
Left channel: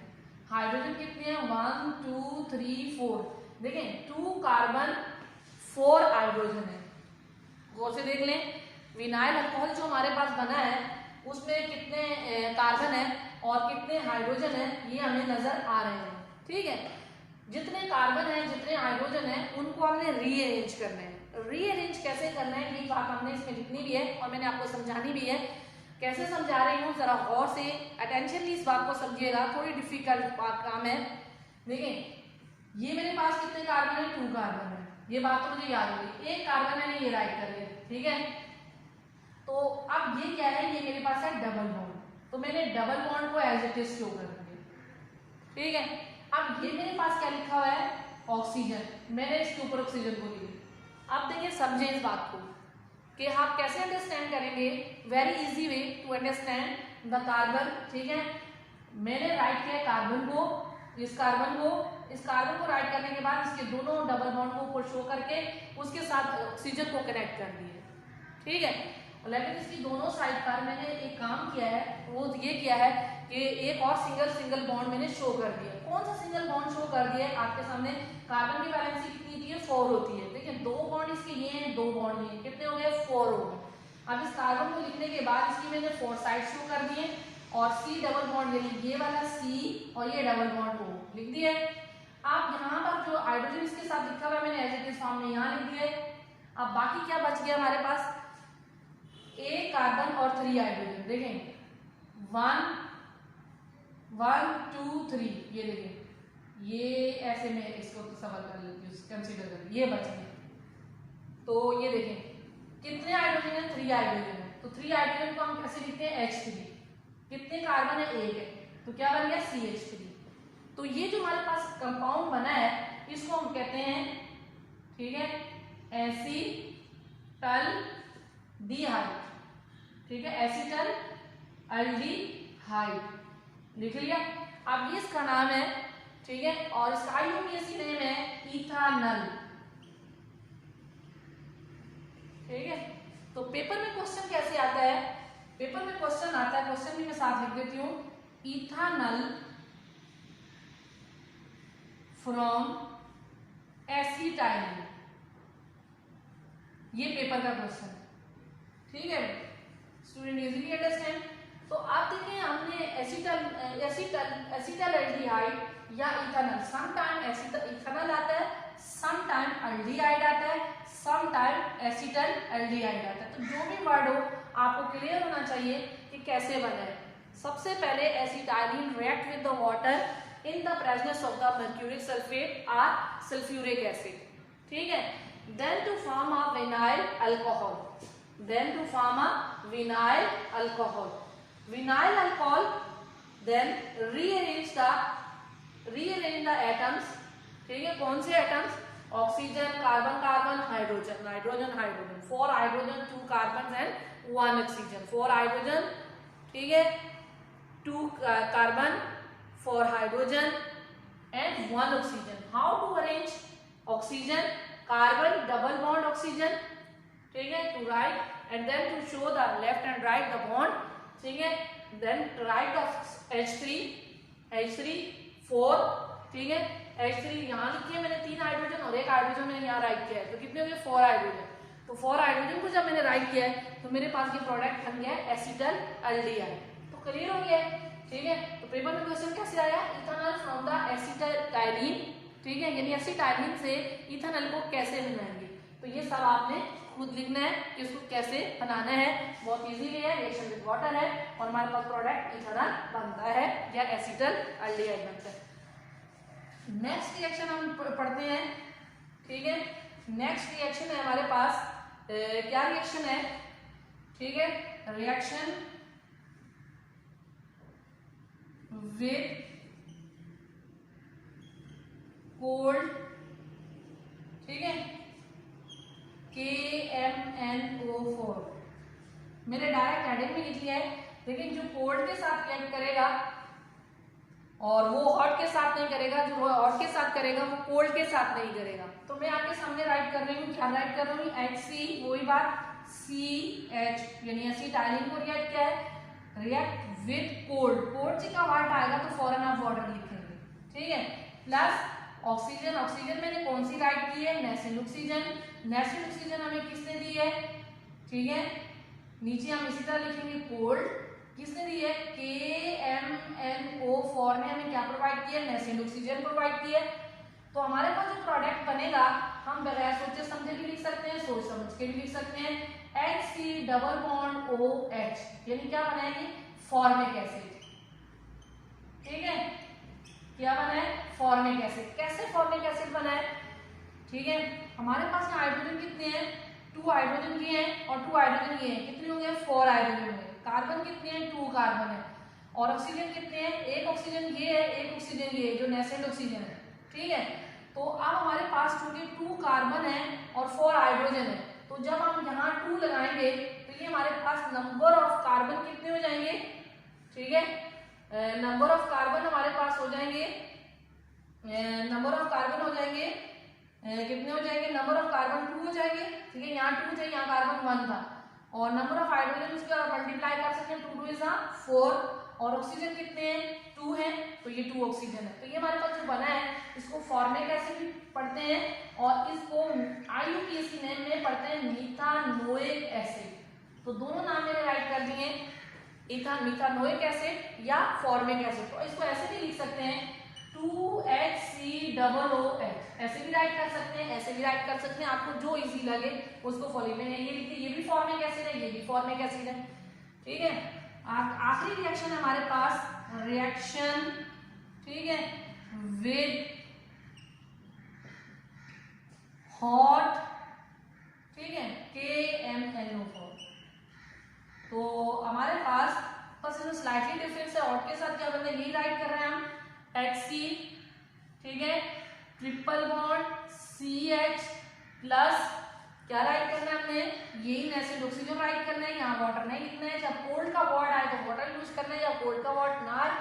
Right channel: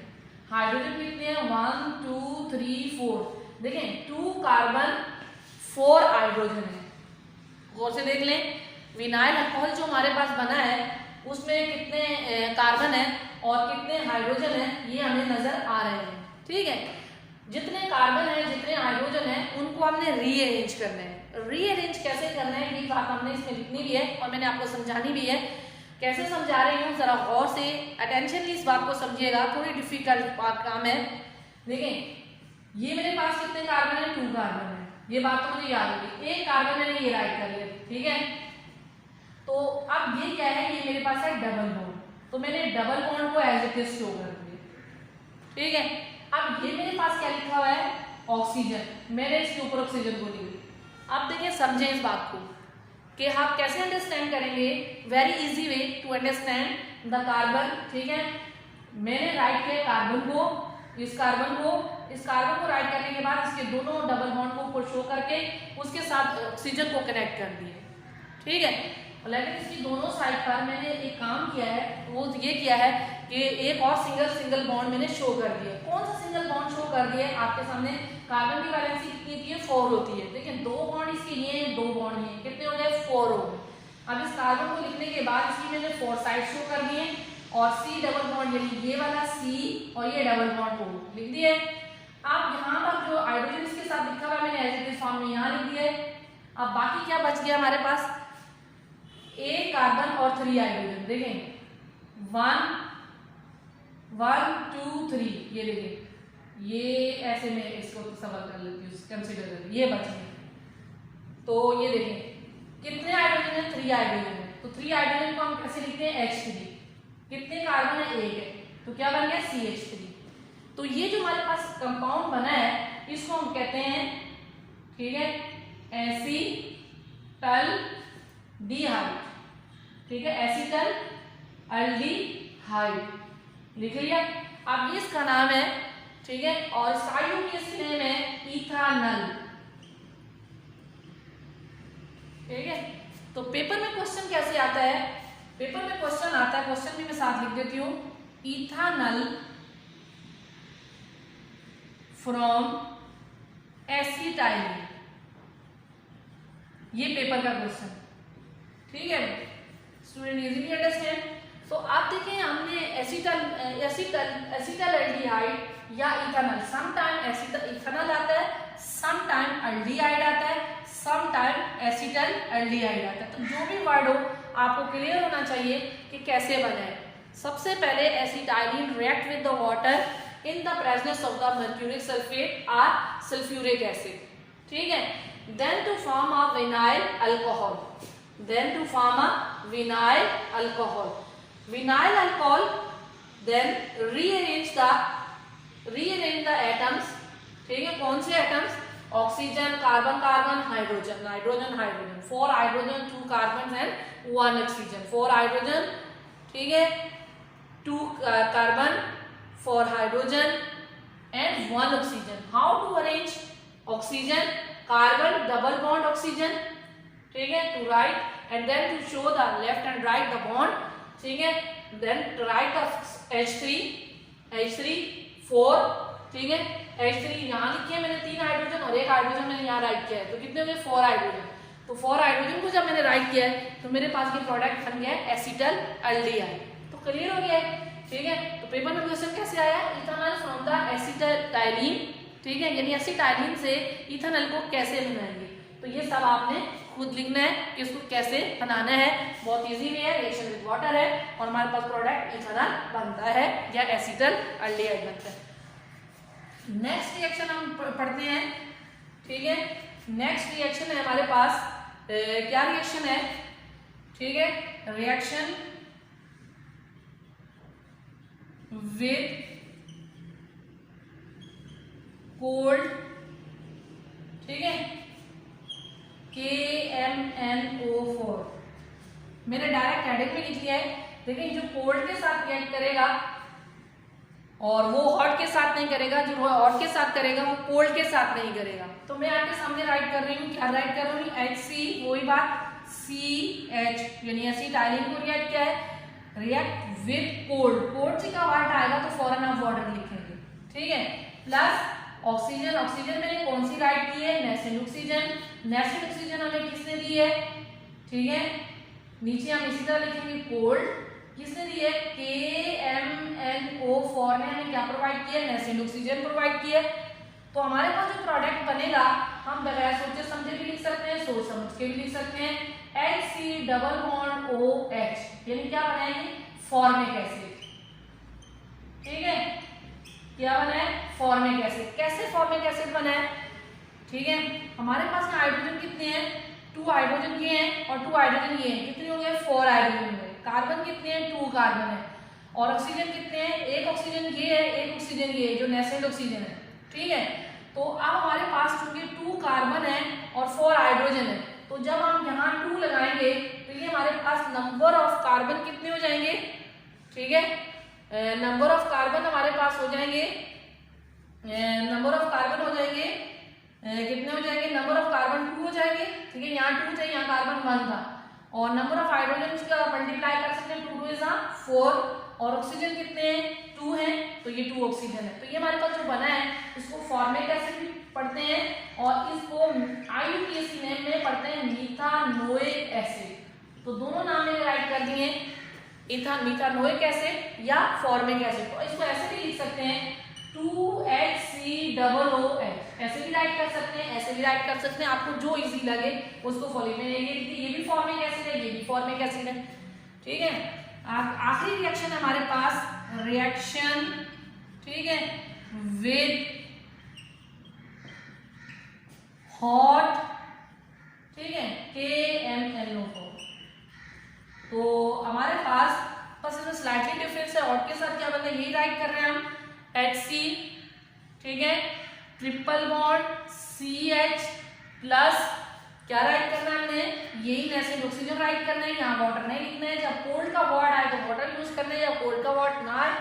हाइड्रोजन कितने हैं 1 2 3 4। देखें 2 कार्बन 4 हाइड्रोजन है, गौर से देख लें। विनाइल अल्कोहल जो हमारे पास बना है उसमें कितने कार्बन है और कितने हाइड्रोजन है ये हमें नजर आ रहे हैं। ठीक है, जितने कार्बन है जितने हाइड्रोजन है उनको हमने रीअरेंज करना है। रीअरेंज कैसे करना है ये बात हमने इसमें लिखनी भी है और मैंने आपको समझानी भी है। कैसे समझा रही हूँ जरा गौर से अटेंशनली इस बात को समझिएगा, थोड़ी डिफिकल्ट काम है। देखें ये मेरे पास कितने कार्बन है, 2 कार्बन है, ये बात तो मुझे याद होगी। एक कार्बन मैंने ये राइट कर लिया, ठीक है। तो अब ये क्या है, ये मेरे पास है डबल बॉन्ड, तो मैंने डबल बॉन्ड को एज इट इज शो कर दिया। ठीक है, अब ये मेरे पास क्या लिखा हुआ है, ऑक्सीजन, मैंने इसके ऊपर ऑक्सीजन को लिखा। अब देखिए समझें इस बात को कि आप कैसे अंडरस्टैंड करेंगे। Very easy way to understand the carbon. ठीक है, मैंने राइट किया कार्बन को, इस कार्बन को राइट करने के बाद इसके दोनों डबल बॉन्ड को ऊपर शो करके उसके साथ ऑक्सीजन को कनेक्ट कर दिए। ठीक है, लेकिन इसकी दोनों साइड पर मैंने एक काम किया है, वो ये किया है कि एक और सिंगल बॉन्ड मैंने शो कर दिया। कौन सा सिंगल बॉन्ड शो कर दिया आपके सामने, कार्बन की वैलेंसी कितनी होती है, 4 होती है। देखिए 2 बॉन्ड इसके लिए, 2 बॉन्ड ये कितने हो गए, 4 हो गए। अब इस कार्बन को लिखने के बाद इसकी मैंने 4 साइड शो कर दिए और C डबल बॉन्ड यानी ये वाला C और ये डबल बॉन्ड को लिख दिया। अब यहाँ पर जो हाइड्रोजन इसके साथ लिखा हुआ मैंने एज इट इज फॉर्म में यहाँ लिख दिया है। अब बाकी क्या बच गया हमारे पास, एक कार्बन और 3 हाइड्रोजन। देखें 1 2 3, ये देखें, ये ऐसे में इसको सवाल कर लेती हूँ, कंसीडर कर, ये बच गए। तो ये देखें कितने हाइड्रोजन है, 3 हाइड्रोजन है। तो 3 हाइड्रोजन को हम कैसे लिखते हैं, H3। कितने कार्बन है, 1 है, तो क्या बन गया, CH3। तो ये जो हमारे पास कंपाउंड बना है इसको हम कहते हैं, ठीक है, एसीटल डिहाइड। ठीक है, एसीटल एल्डिहाइड लिख लिया। अब इसका नाम है, ठीक है, और इसका IUPAC नेम है इथानल। ठीक है, तो पेपर में क्वेश्चन कैसे आता है, पेपर में क्वेश्चन आता है, क्वेश्चन भी मैं साथ लिख देती हूँ, इथानल फ्रॉम एसिटाइलिन, ये पेपर का क्वेश्चन। ठीक है, स्टूडेंट इजीली अंडरस्टैंड। तो आप देखिए हमने एसिटल एल्डिहाइड या इथानल, सम टाइम इथानल आता है, सम टाइम एल्डिहाइड आता है, सम टाइम एसिटल एल्डिहाइड आता है। तो जो भी वर्ड हो आपको क्लियर होना चाहिए कि कैसे बने। सबसे पहले acetylene react with the water in the presence of the mercuric sulfate or sulfuric acid. ठीक है, then to form a vinyl alcohol, then vinyl alcohol then rearrange the atoms। ठीक है, कौन से atoms, oxygen, carbon, hydrogen, 4 hydrogen, 2 carbon and 1 oxygen, 4 hydrogen, ठीक है, 2 carbon, 4 hydrogen and 1 oxygen. How to arrange oxygen, carbon, double bond oxygen, ठीक है, to write and then to show the left and right the bond, ठीक है, then to write the H3 4, ठीक है, H3 यहाँ लिखे मैंने 3 हाइड्रोजन और 1 हाइड्रोजन मैंने यहाँ राइट किया है, तो कितने हुए, 4 हाइड्रोजन। तो 4 हाइड्रोजन को जब मैंने राइट किया है तो मेरे पास ये प्रोडक्ट बन गया है एसिटल एल्डिहाइड। तो क्लियर हो गया है। ठीक है, तो पेपर में क्वेश्चन कैसे आया, इथानल फ्रॉम द एसिटाइलिन। ठीक है, यानी एसिटाइलिन से इथानल को कैसे बनाएंगे, तो ये सब आपने खुद लिखना है कि इसको कैसे बनाना है। बहुत इजी वे है, रिएक्शन विद वाटर है और हमारे पास प्रोडक्ट इथानल बनता है या एसिटल एल्डिहाइड बनता है। नेक्स्ट रिएक्शन हम पढ़ते हैं। ठीक है, नेक्स्ट रिएक्शन है हमारे पास, क्या रिएक्शन है, ठीक है, रिएक्शन with cold, ठीक है, KMnO4, मैंने डायरेक्ट हेडिंग में लिख लिया है। लेकिन जो कोल्ड के साथ रिएक्ट करेगा और वो हॉट के साथ नहीं करेगा, जो हॉट के साथ करेगा वो कोल्ड के साथ नहीं करेगा। तो मैं आपके सामने राइट कर रही हूँ, क्या राइट कर रही हूँ, HC, वही बात, CH यानी एसिटाइलिन को रिएक्ट किया है, रिएक्ट विद कोल्ड, कोल्ड से का वर्ड आएगा तो फॉरन आप वाटर लिखेंगे। ठीक है, प्लस ऑक्सीजन, ऑक्सीजन मैंने कौन सी राइट की है, नेसेंट ऑक्सीजन हमें किसने दी है, ठीक है, नीचे हम इसी तरह लिखेंगे कोल्ड, किसने दी है? KMNO 4 ने हमें क्या प्रोवाइड किया? नेसेंट ऑक्सीजन प्रोवाइड किया। तो हमारे पास जो प्रोडक्ट बनेगा हम बगैर सोचे समझे भी लिख सकते हैं, सोच समझ के भी लिख सकते हैं। HC डबल बॉन्ड OH यानी क्या बनाएंगे? Formic acid. ठीक है, क्या बना है? Formic acid. कैसे फॉर्मिक एसिड बना है? ठीक है, हमारे पास हाइड्रोजन कितने हैं? 2 हाइड्रोजन ये हैं और 2 हाइड्रोजन ये हैं। कितने हो गए? 4 हाइड्रोजन हो गए। कार्बन कितने हैं? 2 कार्बन है। और ऑक्सीजन कितने हैं? एक ऑक्सीजन ये है, एक ऑक्सीजन ये है, जो नेसेंट ऑक्सीजन है। ठीक है, तो अब हमारे पास चूंकि 2 कार्बन है और 4 हाइड्रोजन है, तो जब हम यहाँ 2 लगाएंगे तो ये हमारे पास नंबर ऑफ कार्बन कितने हो जाएंगे? ठीक है, नंबर ऑफ कार्बन हमारे पास हो जाएंगे, नंबर ऑफ कार्बन हो जाएंगे कितने हो जाएंगे? नंबर ऑफ कार्बन 2 हो जाएंगे। ठीक है, यहाँ 2 थे, यहाँ कार्बन 1 था। और नंबर ऑफ हाइड्रोजन का मल्टीप्लाई कर सकते हैं, 2 इज 4 और ऑक्सीजन कितने हैं? 2 हैं, तो ये 2 ऑक्सीजन है। तो ये हमारे पास जो बना है इसको फॉर्मिक एसिड भी पढ़ते हैं और इसको IUPAC नेम में पढ़ते हैं मीथानोइक एसिड। तो दोनों नाम मैंने राइट कर दिए, मीथानोइक एसिड या फॉर्मिक एसिड। तो इसको ऐसे भी लिख सकते हैं 2HCOOH, ऐसे भी राइट कर सकते हैं, ऐसे भी राइट कर सकते हैं, आपको जो इजी लगे उसको फॉलो में। ये भी फॉर्मिक एसिड है, ये भी फॉर्मिक एसिड है। ठीक है, आखिरी रिएक्शन हमारे पास रिएक्शन, ठीक है, विद हॉट, ठीक है, KMNO4। तो हमारे पास बस इसमें स्लाइटली डिफरेंस है। हॉट के साथ क्या बनता है? यही राइट कर रहे हैं हम, HC, ठीक है, ट्रिपल बॉन्ड CH प्लस क्या राइट करना है हमने? यही नेसेंट ऑक्सीजन राइट करना है, यहाँ वाटर नहीं लिखना है। जब कोल्ड का वर्ड आए तो वाटर यूज करना है, या कोल्ड का वर्ड ना आए,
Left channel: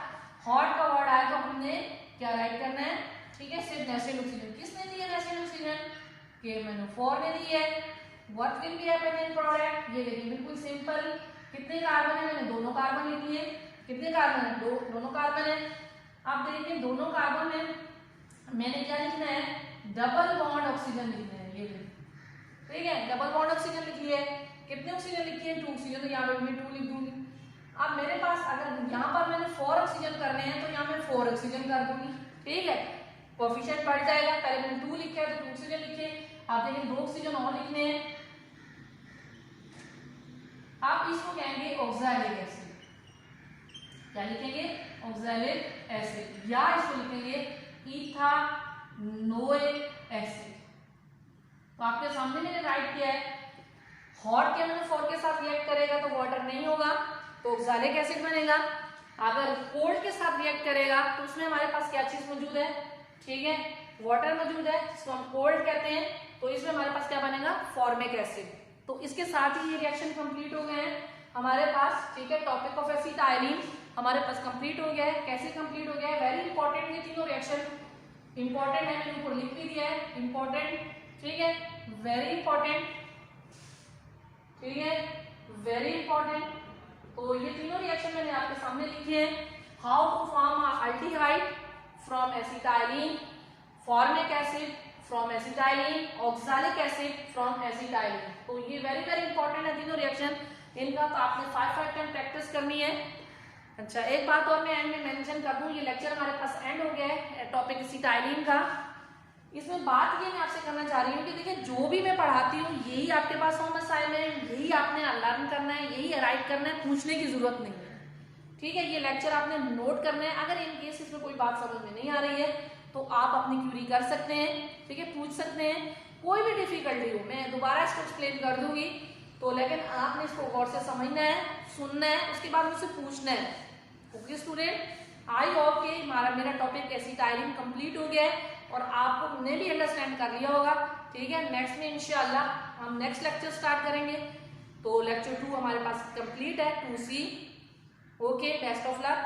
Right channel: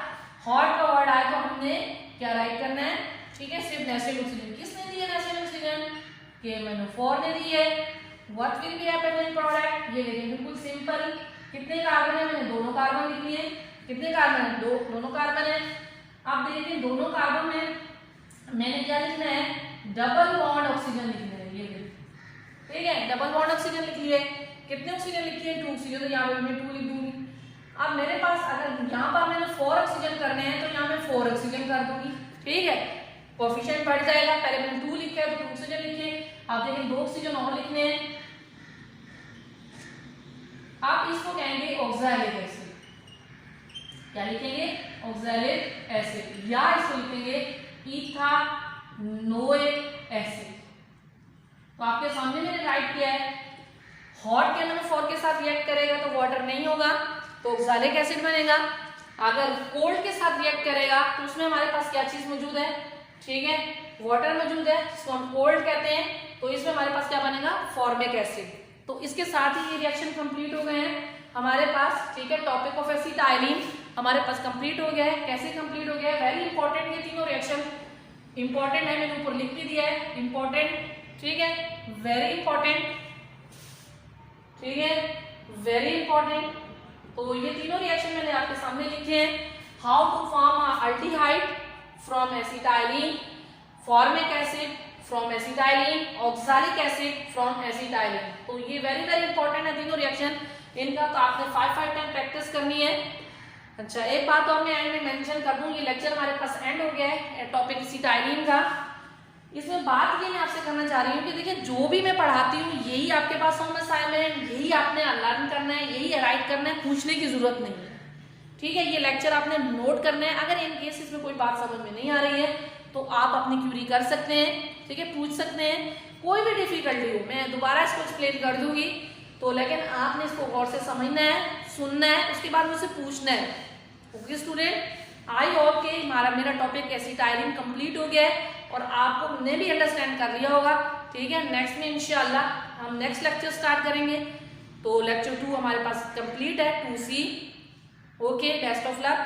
हॉट का वर्ड आए तो हमने क्या राइट करना है? ठीक है, सिर्फ नेसेंट ऑक्सीजन। किसने दी है नेसेंट ऑक्सीजन? KMNO4 ने दी है। What will be happen in product? ये देखिए बिल्कुल सिंपल। कितने कार्बन है? मैंने दोनों कार्बन लिख लिए। कितने कार्बन है? दोनों कार्बन है। अब देखिए दोनों कार्बन में मैंने क्या लिखना है? डबल बॉन्ड ऑक्सीजन लिखना है। ये ठीक है, डबल बॉन्ड ऑक्सीजन लिख लिए। कितने ऑक्सीजन लिखी है? 2 ऑक्सीजन, तो यहाँ पे मैं 2 लिख दूंगी। अब मेरे पास अगर यहाँ पर मैंने 4 ऑक्सीजन करने हैं तो यहाँ मैं 4 ऑक्सीजन कर दूंगी। ठीक है, कोएफिशिएंट बढ़ जाएगा। पहले मैंने 2 लिखा है तो 2 ऑक्सीजन लिखे। अब देखिए 2 ऑक्सीजन और लिखने हैं। आप इसको कहेंगे ऑक्सैलिक एसिड। क्या लिखेंगे? ऑक्सैलिक एसिड, या इसको लिखेंगे इथानोइक एसिड। तो आपके सामने मैंने राइट किया है। हॉट KMNO4 के साथ रिएक्ट करेगा तो वाटर नहीं होगा, तो ऑक्सैलिक एसिड बनेगा। अगर कोल्ड के साथ रिएक्ट करेगा तो उसमें हमारे पास क्या चीज मौजूद है? ठीक है, वाटर मौजूद है, जिसको हम कोल्ड कहते हैं। तो इसमें हमारे पास क्या बनेगा? Formic acid. तो इसके साथ ही ये रिएक्शन कंप्लीट हो गए हैं हमारे पास। ठीक है, टॉपिक ऑफ एसिटाइलिन हमारे पास कंप्लीट हो गया है। कैसे कंप्लीट हो गया है? वेरी इंपॉर्टेंट, ये तीनों रिएक्शन इंपॉर्टेंट है, मैंने ऊपर लिख भी दिया है इंपॉर्टेंट। ठीक है, वेरी इंपॉर्टेंट, ठीक है, वेरी इंपॉर्टेंट। तो ये तीनों रिएक्शन मैंने आपके सामने लिखे हैं। How to form aldehyde from acetylene, formic acid from acetylene, oxalic acid from acetylene. तो ये वेरी वेरी इंपॉर्टेंट है तीनों रिएक्शन। इनका तो आपने 5 टाइम प्रैक्टिस करनी है। अच्छा, एक बात और मैं एंड में मेंशन कर दूं, ये लेक्चर हमारे पास एंड हो गया है टॉपिक एसिटाइलिन का। इसमें बात ये मैं आपसे करना चाह रही हूँ कि देखिए जो भी मैं पढ़ाती हूँ यही आपके पास होम असाइनमेंट, यही आपने लर्न करना है, यही राइट करना है, पूछने की जरूरत नहीं है। ठीक है, ये लेक्चर आपने नोट करना है। अगर इन केस इसमें कोई बात समझ में नहीं आ रही है तो आप अपनी क्यूरी कर सकते हैं। ठीक है, पूछ सकते हैं। कोई भी डिफिकल्टी हो मैं दोबारा इसको एक्सप्लेन कर दूंगी। तो लेकिन आपने इसको गौर से समझना है, सुनना है, उसके बाद मुझसे पूछना है। ओके स्टूडेंट, आई होप कि मेरा टॉपिक एसिटाइलिन कंप्लीट हो गया है और आपको ने भी अंडरस्टैंड कर लिया होगा। ठीक है, नेक्स्ट में इंशाल्लाह हम नेक्स्ट लेक्चर स्टार्ट करेंगे। तो लेक्चर 2 हमारे पास कंप्लीट है, 2C। Okay, best of luck.